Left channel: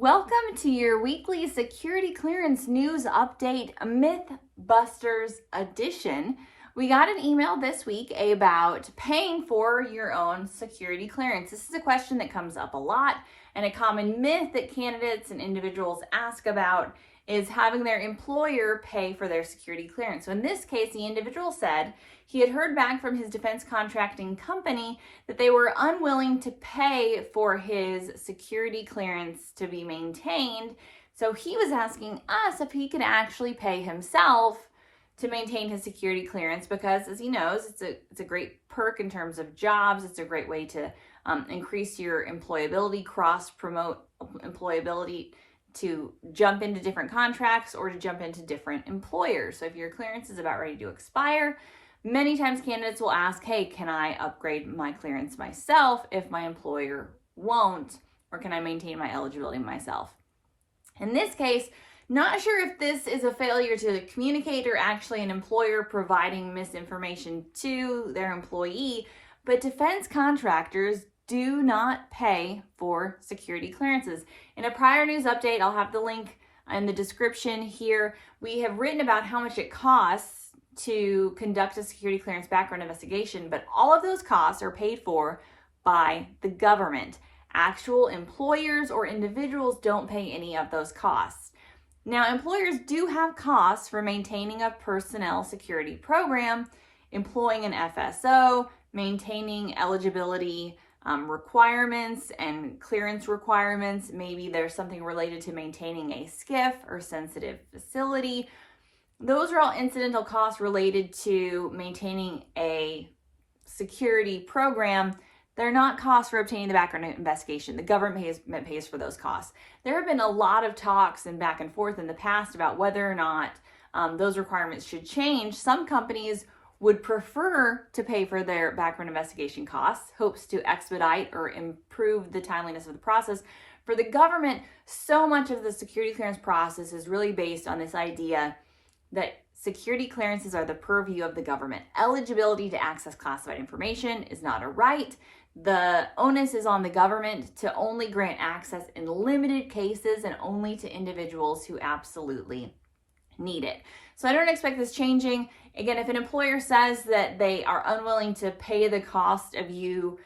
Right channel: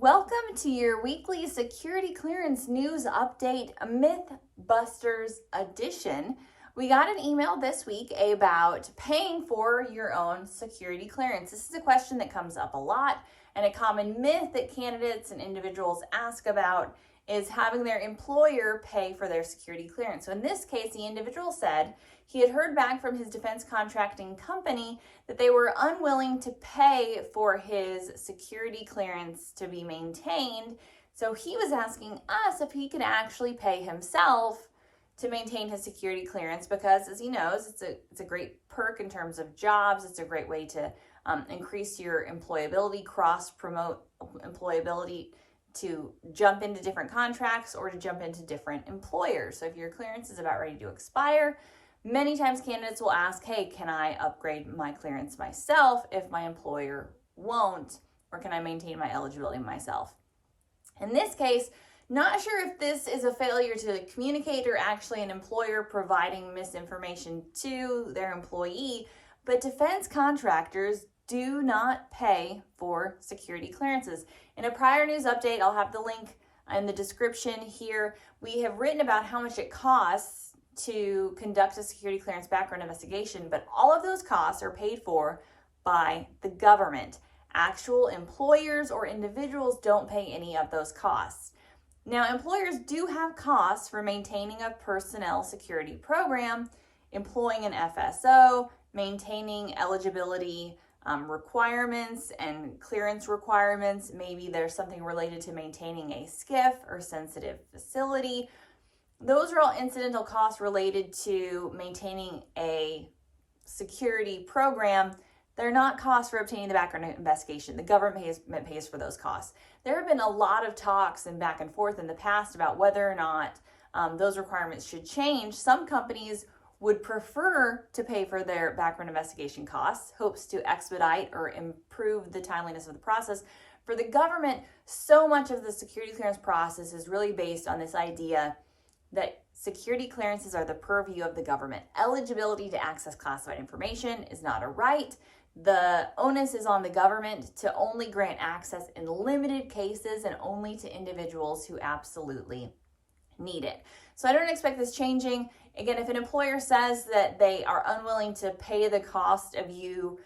Welcome to your weekly security clearance news update, MythBusters edition. We got an email this week about paying for your own security clearance. This is a question that comes up a lot, and a common myth that candidates and individuals ask about is having their employer pay for their security clearance. So in this case, the individual said he had heard back from his defense contracting company that they were unwilling to pay for his security clearance to be maintained. So he was asking us if he could actually pay himself to maintain his security clearance, because as he knows, it's a great perk in terms of jobs. It's a great way to increase your employability, cross-promote employability, to jump into different contracts or to jump into different employers. So if your clearance is about ready to expire, many times candidates will ask, hey, can I upgrade my clearance myself if my employer won't, or can I maintain my eligibility myself? In this case, not sure if this is a failure to communicate or actually an employer providing misinformation to their employee, but defense contractors do not pay for security clearances. In a prior news update, I'll have the link in the description here, we have written about how much it costs to conduct a security clearance background investigation, but all of those costs are paid for by the government. Actual employers or individuals don't pay any of those costs. Now, employers do have costs for maintaining a personnel security program, employing an FSO, maintaining eligibility requirements and clearance requirements. Maybe there's something related to maintaining a SCIF or sensitive facility. Those are all incidental costs related to maintaining a security program. They're not costs for obtaining the background investigation. The government pays for those costs. There have been a lot of talks and back and forth in the past about whether or not those requirements should change. Some companies would prefer to pay for their background investigation costs, hopes to expedite or improve the timeliness of the process. For the government, so much of the security clearance process is really based on this idea that security clearances are the purview of the government. Eligibility to access classified information is not a right. The onus is on the government to only grant access in limited cases and only to individuals who absolutely need it. So I don't expect this changing. Again, if an employer says that they are unwilling to pay the cost of you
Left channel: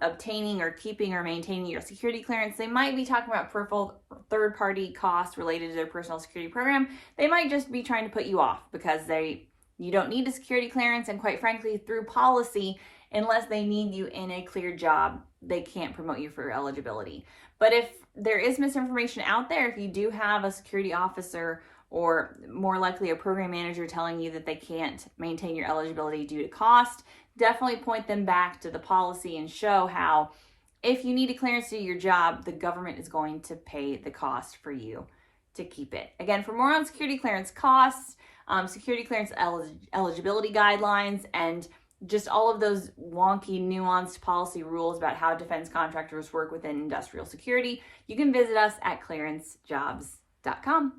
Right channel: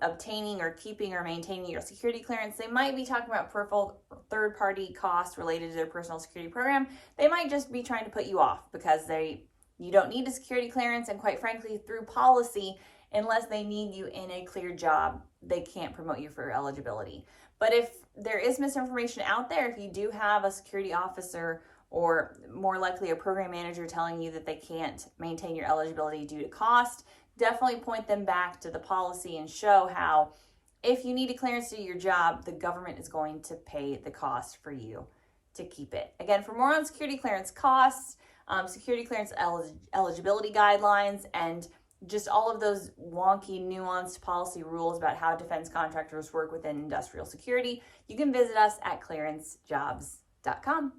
obtaining or keeping or maintaining your security clearance, they might be talking about peripheral third-party costs related to their personal security program. They might just be trying to put you off because you don't need a security clearance, and quite frankly, through policy, unless they need you in a clear job, they can't promote you for eligibility. But if there is misinformation out there, if you do have a security officer or more likely a program manager telling you that they can't maintain your eligibility due to cost, definitely point them back to the policy and show how if you need a clearance to do your job, the government is going to pay the cost for you to keep it. Again, for more on security clearance costs, security clearance eligibility guidelines, and just all of those wonky, nuanced policy rules about how defense contractors work within industrial security, you can visit us at clearancejobs.com.